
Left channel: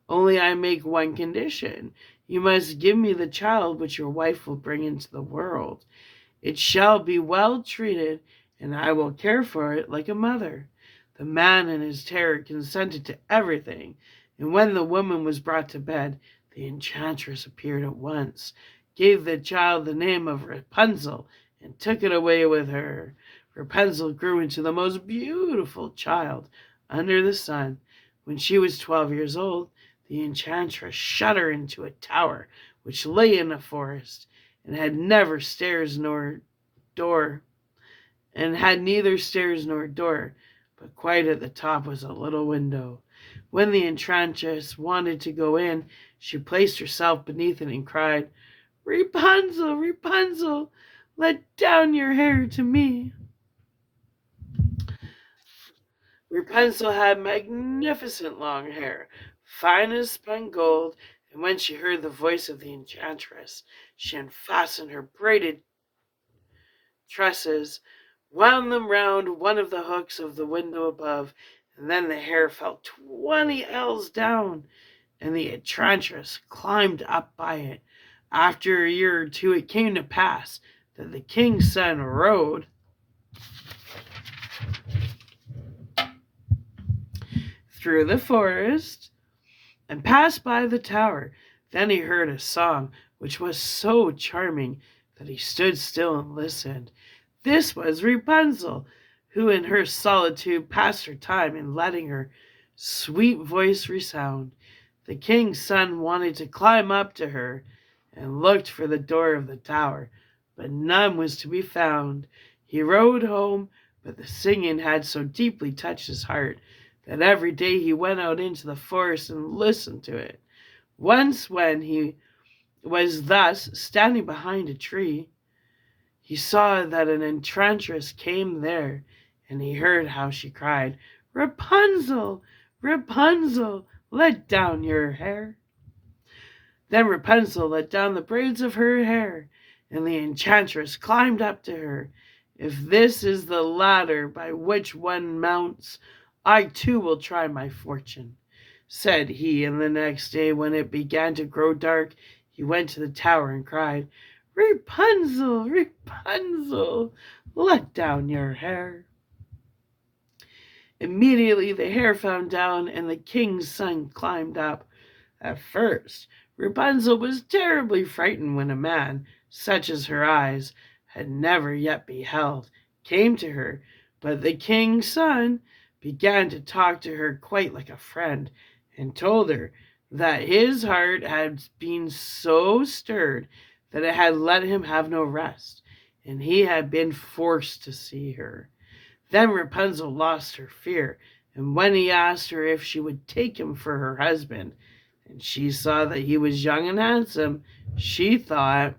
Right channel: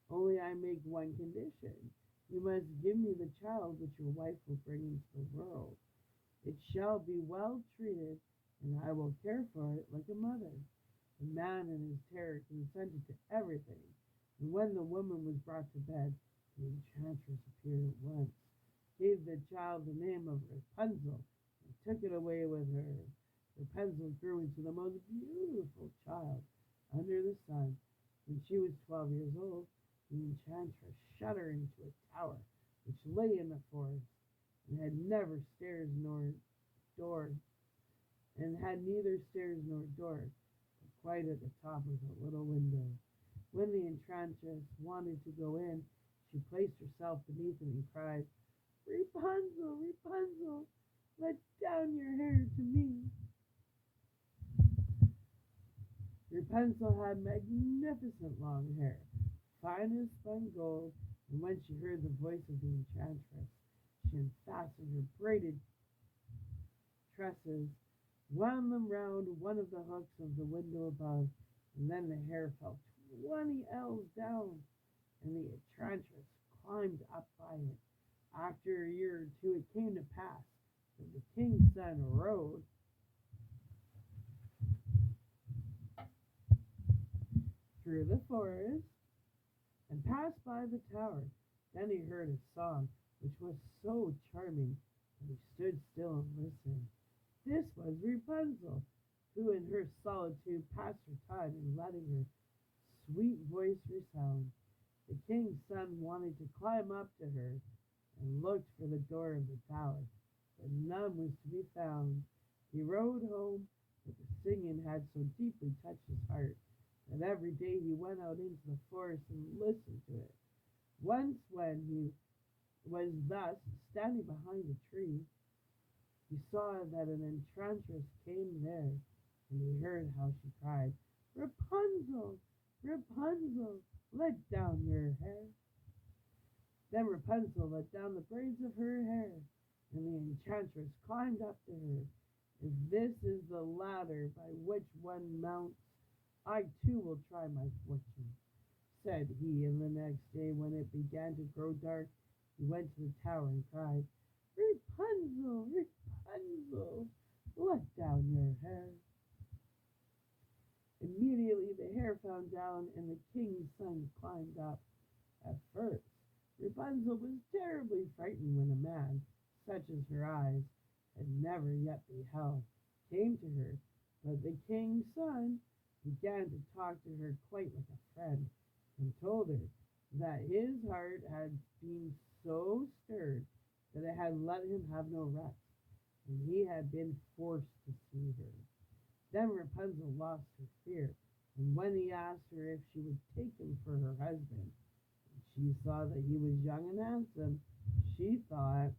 Only I make one condition. You must give me the child which your wife will bring into the world. It shall be well treated, and I will care for it like a mother." The man in his terror consented to everything, and when the woman was brought to bed, the enchantress appeared at once, gave the child the name of Rapunzel, and took it away with her. Rapunzel grew into the most beautiful child under the sun. When she was 12 years old, the enchantress shut her into a tower which lay in a forest, and had never stairs nor door, and had neither stairs nor door, but quite at the top was a little window. When the enchantress wanted to go in, she placed herself beneath it and cried, "Rapunzel, Rapunzel, let down your hair to me." Rapunzel had magnificent long hair, fine as spun gold, and when she heard the voice of the enchantress, she unfastened her braided tresses, wound them round one of the hooks of the window above, and then the hair fell 20 ells down, and the enchantress climbed up by it. After a year or two, it came to pass that the king's son rode through the forest and passed by the tower. Then he heard a song which was so charming that he stood still and listened. This was Rapunzel, who in her solitude passed her time in letting her sweet voice resound. The king's son wanted to climb up to her and looked for the door of the tower, but none was to be found. He rode home, but the singing had so deeply touched his heart that every day he went out into the forest and listened to it. Once, when he was thus standing behind a tree, he saw that an enchantress came there, and he heard how she cried, "Rapunzel, Rapunzel, let down your hair." Then Rapunzel let down the braids of her hair, and the enchantress climbed up to her. "If this is the ladder by which one mounts, I too will try my fortune," said he, and the next day, when it began to grow dark, he went to the tower and cried, "Rapunzel, Rapunzel, let down your hair." Immediately the hair fell down, and the king's son climbed up. At first, Rapunzel was terribly frightened when a man, such as her eyes had never yet beheld, came to her, but the king's son began to talk to her quite like a friend, and told her that his heart had been so stirred that it had let him have no rest, and he had been forced to see her. Then Rapunzel lost her fear, and when he asked her if she would take him for her husband, and she saw that he was young and handsome, she thought,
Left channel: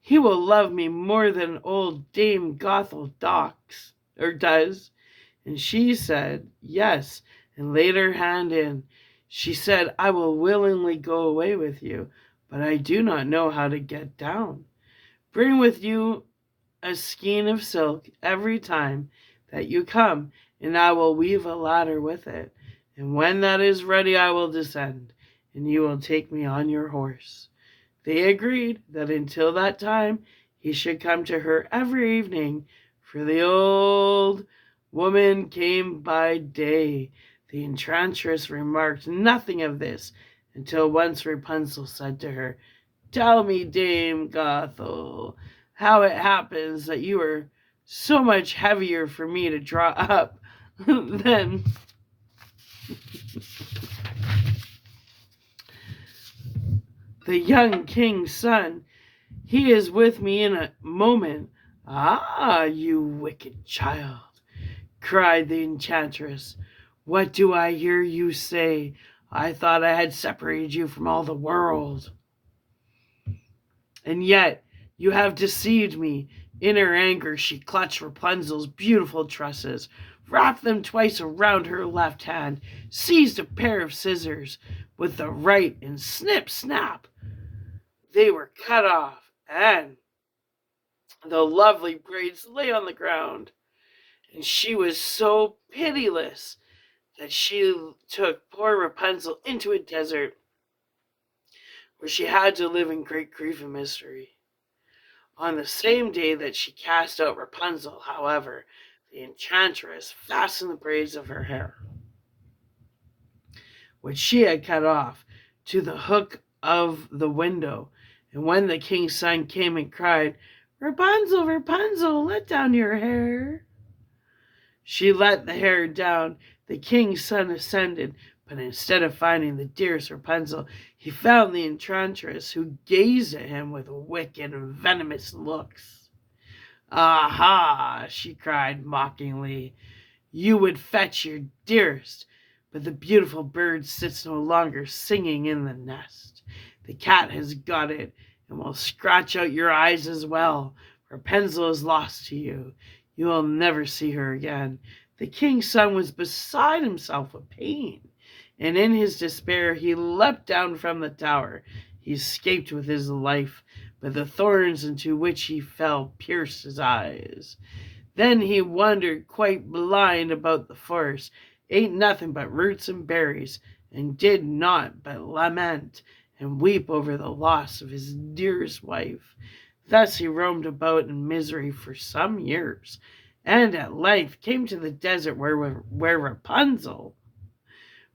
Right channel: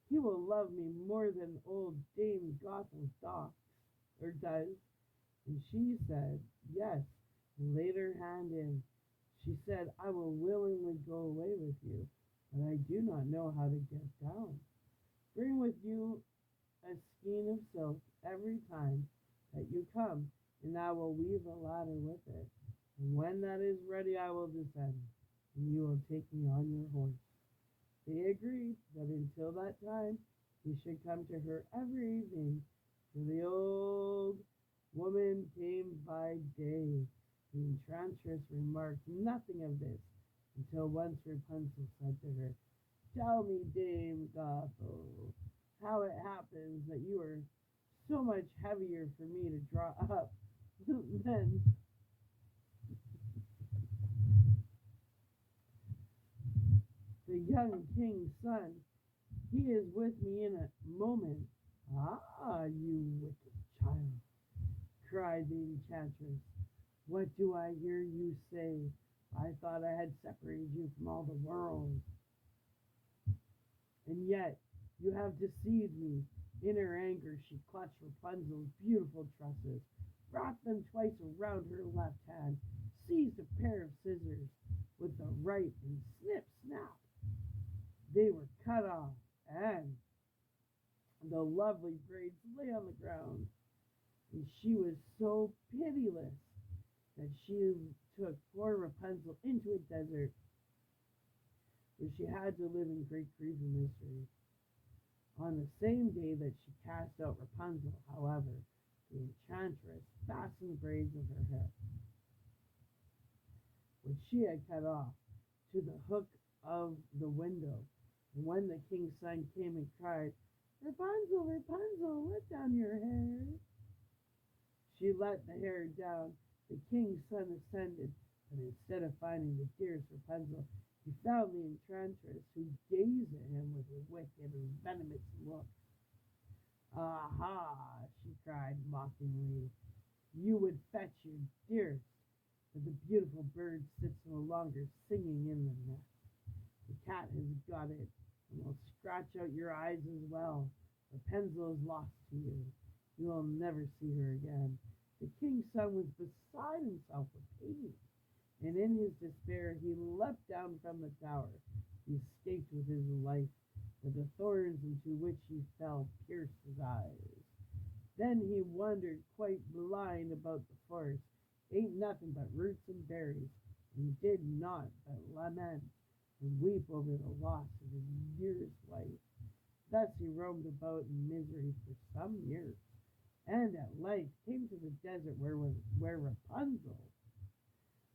"He will love me more than old Dame Gothel does." And she said, "Yes," and laid her hand in. She said, "I will willingly go away with you, but I do not know how to get down. Bring with you a skein of silk every time that you come, and I will weave a ladder with it. And when that is ready, I will descend, and you will take me on your horse." They agreed that until that time he should come to her every evening, for the old woman came by day. The enchantress remarked nothing of this until once Rapunzel said to her, "Tell me, Dame Gothel, how it happens that you are so much heavier for me to draw up than the young king's son. He is with me in a moment." "Ah, you wicked child," cried the enchantress, "what do I hear you say? I thought I had separated you from all the world, and yet you have deceived me." In her anger, she clutched Rapunzel's beautiful tresses, wrapped them twice around her left hand, seized a pair of scissors with the right, and snip, snap, they were cut off, and the lovely braids lay on the ground. And she was so pitiless that she took poor Rapunzel into a desert where she had to live in great grief and misery. On the same day that she cast out Rapunzel, however, the enchantress fastened the braids of her hair, which she had cut off, to the hook of the window. And when the king's son came and cried, "Rapunzel, Rapunzel, let down your hair," she let the hair down. The king's son ascended, but instead of finding the dearest Rapunzel, he found the enchantress, who gazed at him with wicked and venomous looks. "Aha!" she cried mockingly, "you would fetch your dearest, but the beautiful bird sits no longer singing in the nest. The cat has got it, and will scratch out your eyes as well. Rapunzel is lost to you. You will never see her again." The king's son was beside himself with pain, and in his despair he leapt down from the tower. He escaped with his life, but the thorns into which he fell pierced his eyes. Then he wandered quite blind about the forest, ate nothing but roots and berries, and did naught but lament and weep over the loss of his dearest wife. Thus he roamed about in misery for some years, and at length came to the desert where Rapunzel,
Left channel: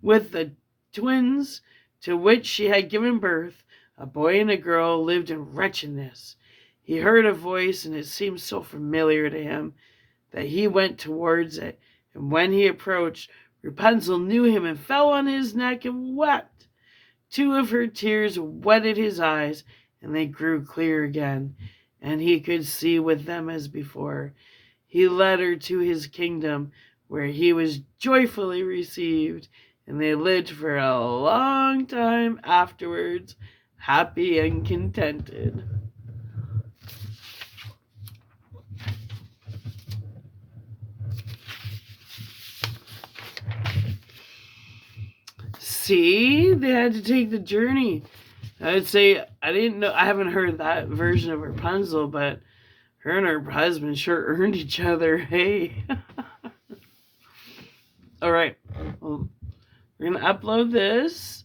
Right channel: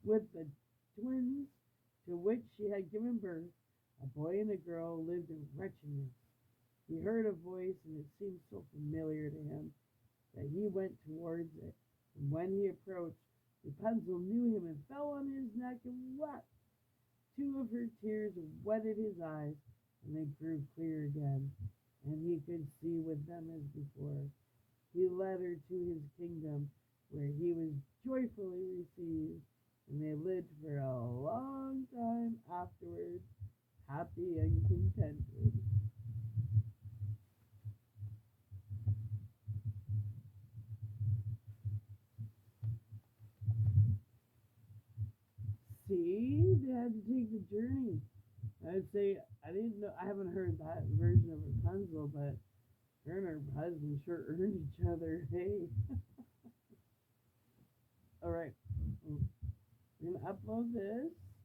with the twins to which she had given birth, a boy and a girl, lived in wretchedness. He heard a voice, and it seemed so familiar to him that he went towards it, and when he approached, Rapunzel knew him and fell on his neck and wept. Two of her tears wetted his eyes, and they grew clear again, and he could see with them as before. He led her to his kingdom, where he was joyfully received, and they lived for a long time afterwards, happy and contented. See, they had to take the journey. I would say, I didn't know, I haven't heard that version of Rapunzel, but her and her husband sure earned each other. Hey. All right. Well, we're going to upload this.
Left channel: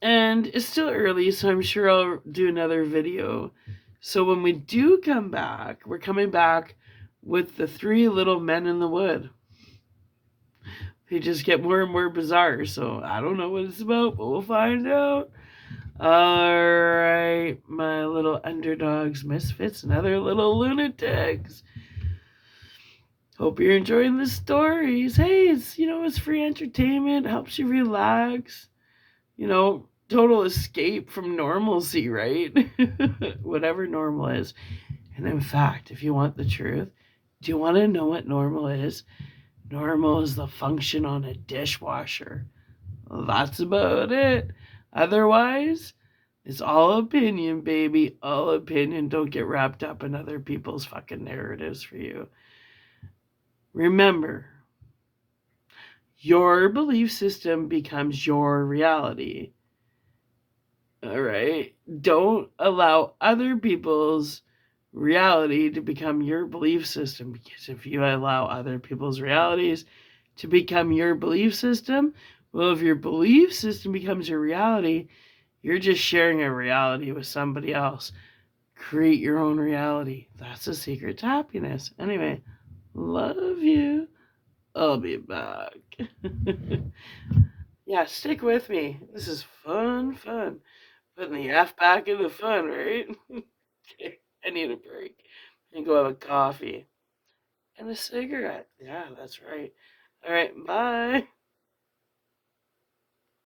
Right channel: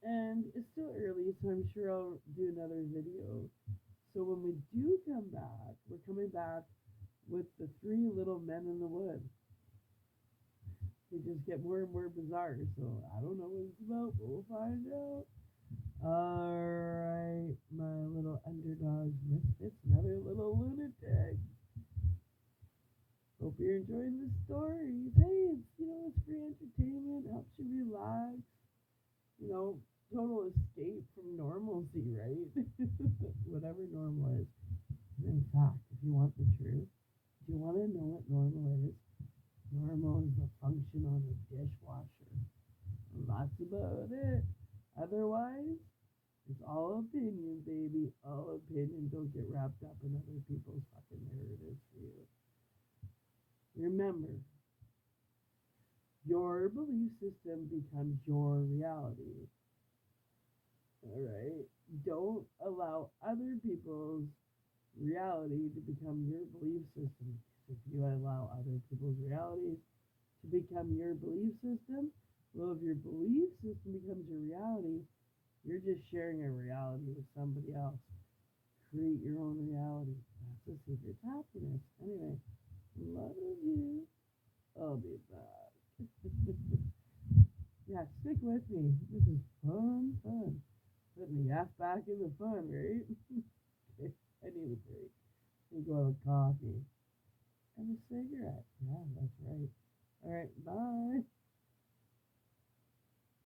And it's still early, so I'm sure I'll do another video. So when we do come back, we're coming back with the three little men in the wood. They just get more and more bizarre, so I don't know what it's about, but we'll find out. Alright, my little underdogs, misfits, and other little lunatics. Hope you're enjoying the stories. Hey, it's free entertainment, helps you relax. Total escape from normalcy, right? Whatever normal is. And in fact, if you want the truth, do you want to know what normal is? Normal is the function on a dishwasher. Well, that's about it. Otherwise, it's all opinion, baby. All opinion. Don't get wrapped up in other people's fucking narratives for you. Remember, your belief system becomes your reality. All right? Don't allow other people's reality to become your belief system. Because if you allow other people's realities to become your belief system, well, if your belief system becomes your reality, you're just sharing a reality with somebody else. Create your own reality. That's the secret to happiness. Anyway, love you. I'll be back. Yeah, stick with me. This is fun. Putting the F back in the fun, right? Okay, I need a break. And go have a coffee and a cigarette. Yeah, that's right. All right, bye.